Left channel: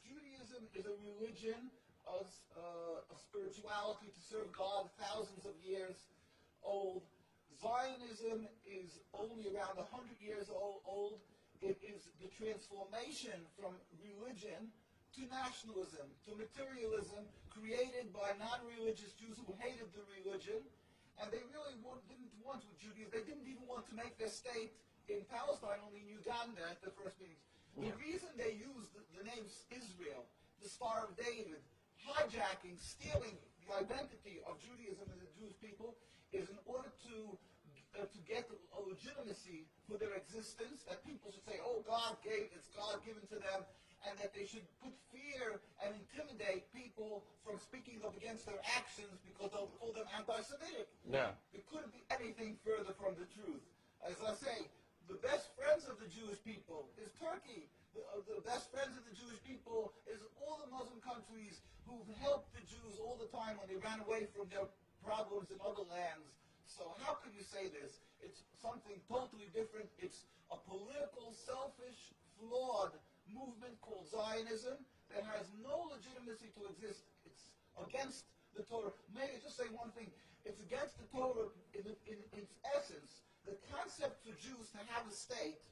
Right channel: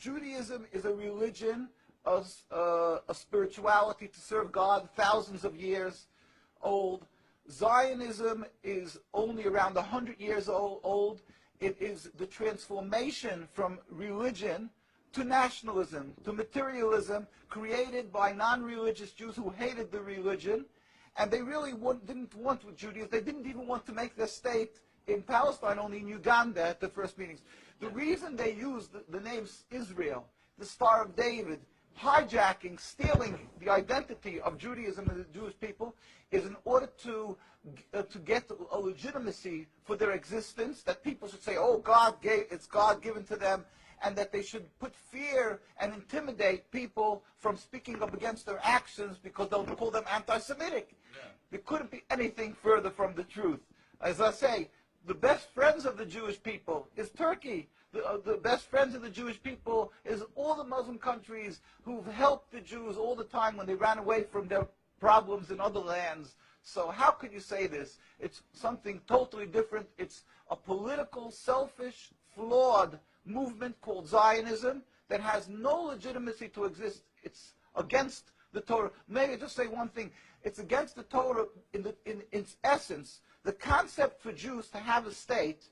Judaism is a religion, a spirituality to serve God, thousands of years old. Zionism is only around 100 years old. It is the transformation from religion to nationalism, to materialism, created by non-religious Jews who hated the religion, and they really didn't want Judaism. They didn't even want to make their state in Palestine, only in Uganda at the first meetings. The reason they used the name Israel, the Star of David, hijacking, stealing the identity of Judaism and the Jewish people, is in order to get a legitimacy for their existence, that people should say, oh, it's God given to them, and that they should put fear and intimidate people from speaking up against their actions because they'll call them anti-Semitic. Yeah. It couldn't be anything further from the truth. As I say, the best friends of the Jewish people is Turkey. The best friends of the Jewish people is all the Muslim countries who've helped the Jews all the time when they ran away from their problems in other lands. So how could you say this? It's something totally different. It's a political, selfish, flawed movement called Zionism that has no legitimacy to exist. It's against the Torah. Maybe just say one thing. It's against the Torah in its essence. The concept for Jews to have a state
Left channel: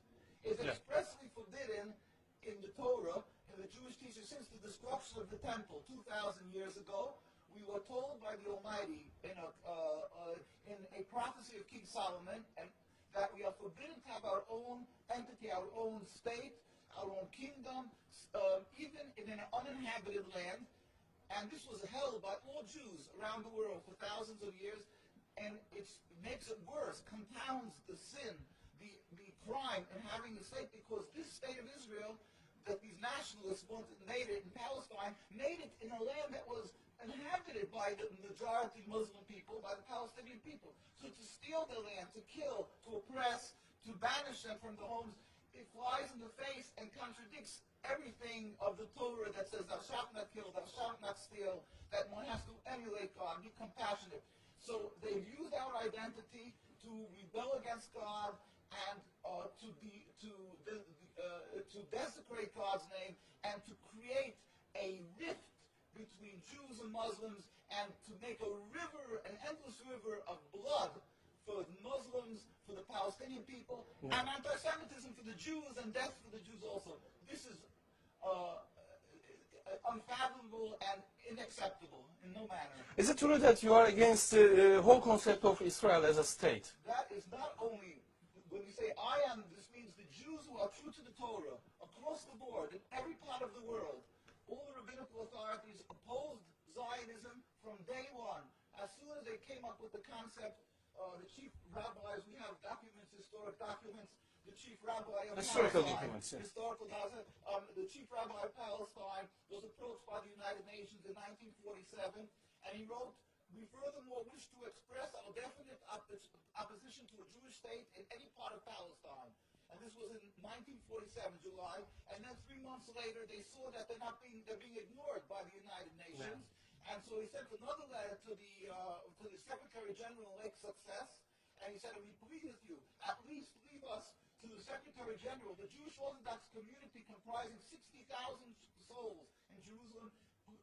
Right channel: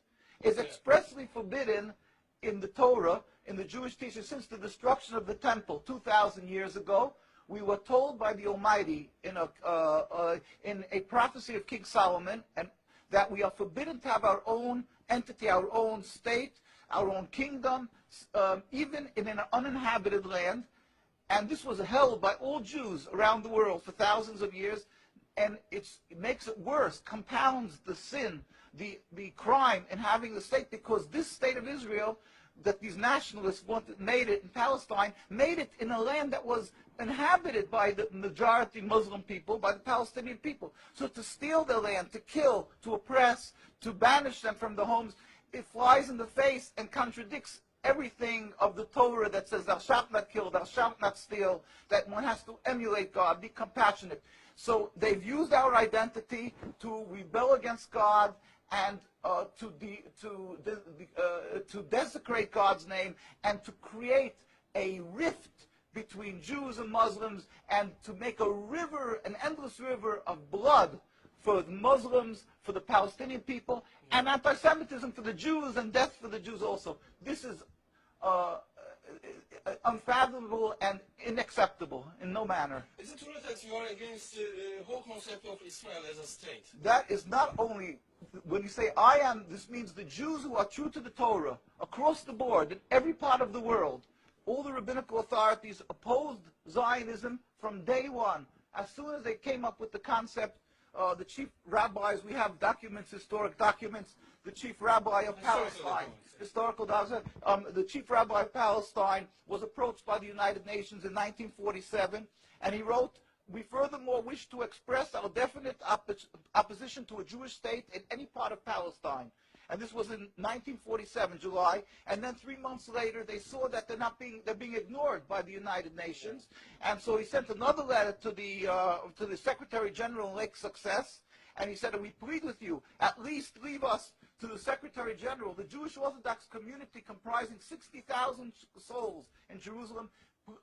is expressly forbidden in the Torah, in the Jewish teaching, since the destruction of the temple 2,000 years ago. We were told by the Almighty in a prophecy of King Solomon, and that we are forbidden to have our own entity, our own state, our own kingdom, even in an uninhabited land. And this was held by all Jews around the world for thousands of years, and it makes it worse, compounds the sin, the crime in having the state, because this state of Israel that these nationalists made it in Palestine, made it in a land that was inhabited by the majority Muslim people, by the Palestinian people. So to steal their land, to kill, to oppress, to banish them from the homes, it flies in the face and contradicts everything of the Torah that says thou shalt not kill, thou shalt not steal, that one has to emulate God, be compassionate. So they've used our identity to rebel against God and to desecrate God's name, and to create a rift between Jews and Muslims, and to make a river, an endless river of blood for the Muslims, for the Palestinian people, and anti-Semitism for the Jews, and death for the Jews also. This is unfathomable and unacceptable in no manner. Is it true that you are against the whole concept of Israel as a state? That is not only, when you say I am, this means the Jews who are true to the Torah, across the board, in every part of the world. All the rabbinical authorities opposed Zionism from day one. As soon as they came up with the concept, the chief rabbis, we have documents, historic documents, the chief rabbi of Palestine, the chief rabbi of Palestine was approached by the United Nations in 1947, and he wrote, "We furthermore wish to express our definite opposition to a Jewish state in any part of Palestine." And this was in 1947, July. And then 3 months later, they saw that they're being ignored by the United Nations. Yeah. And so he sent another letter to the Secretary General in Lake Success, and he said, "We plead with you, at least leave us to the Secretary General. The Jewish Orthodox community, comprising 60,000 souls in Jerusalem,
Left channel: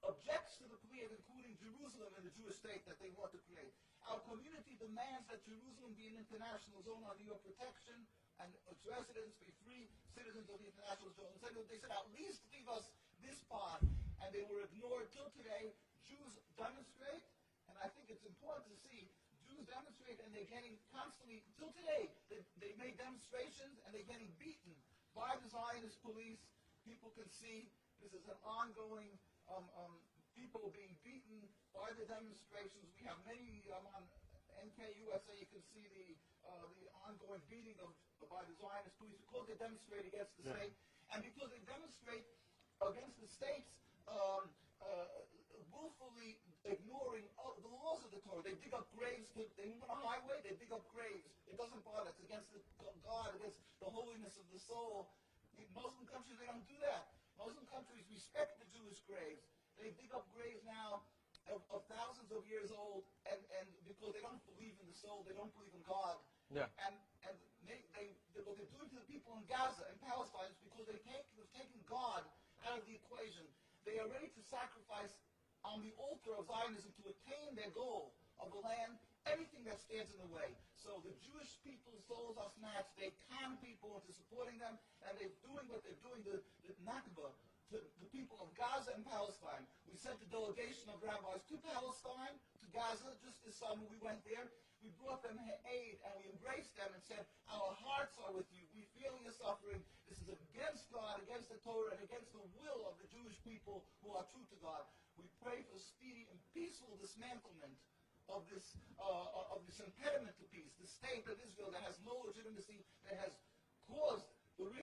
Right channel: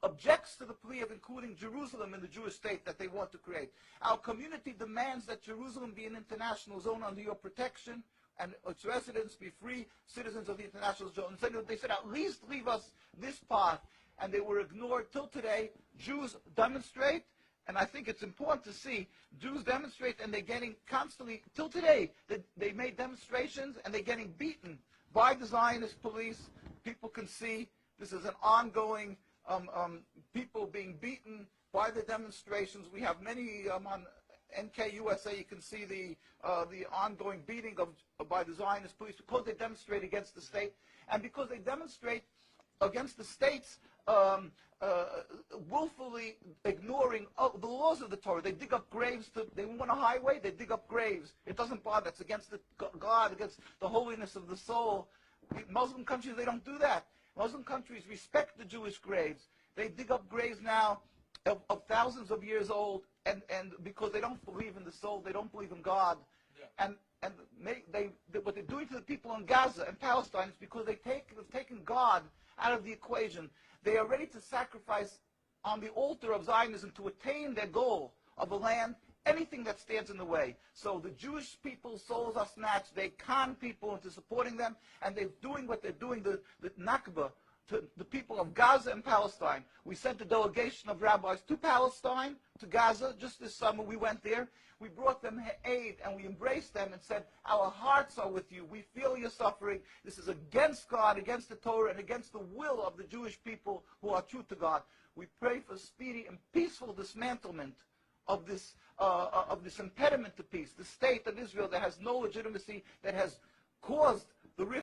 objects to the plea of including Jerusalem in the Jewish state that they want to create. Our community demands that Jerusalem be an international zone under your protection, and its residents be free citizens of the international zone." And they said, at least leave us this part. And they were ignored till today. Jews demonstrate, and I think it's important to see, Jews demonstrate, and they're getting constantly, till today, they made demonstrations, and they're getting beaten by the Zionist police. People can see this is an ongoing, people being beaten by the demonstrations. We have many on NKUSA, you can see the ongoing beating by the Zionist police because they demonstrate against the state, and because they demonstrate against the states willfully ignoring the laws of the Torah. They dig up graves. They want a highway, they dig up graves. It doesn't bother. It's against God, against the holiness of the soul. Muslim countries, they don't do that. Muslim countries respect the Jewish graves. They dig up graves now of thousands of years old, and because they don't believe in the soul, they don't believe in God. Yeah. And what they're doing to the people in Gaza and Palestine is because they've taken God out of the equation. They are ready to sacrifice on the altar of Zionism to attain their goal of a land, anything that stands in the way. So the Jewish people's souls are snatched. They con people into supporting them, and they're doing what they're doing, the Nakba, to the people of Gaza and Palestine. We sent a delegation of rabbis to Palestine, to Gaza. Just this summer we went there. We brought them aid, and we embraced them and said, our hearts are with you. We feel your suffering. This is against God, against the Torah, and against the will of the Jewish people who are true to God. We pray for speedy and peaceful dismantlement of this impediment to peace, the state of Israel that has no legitimacy, that has caused the rift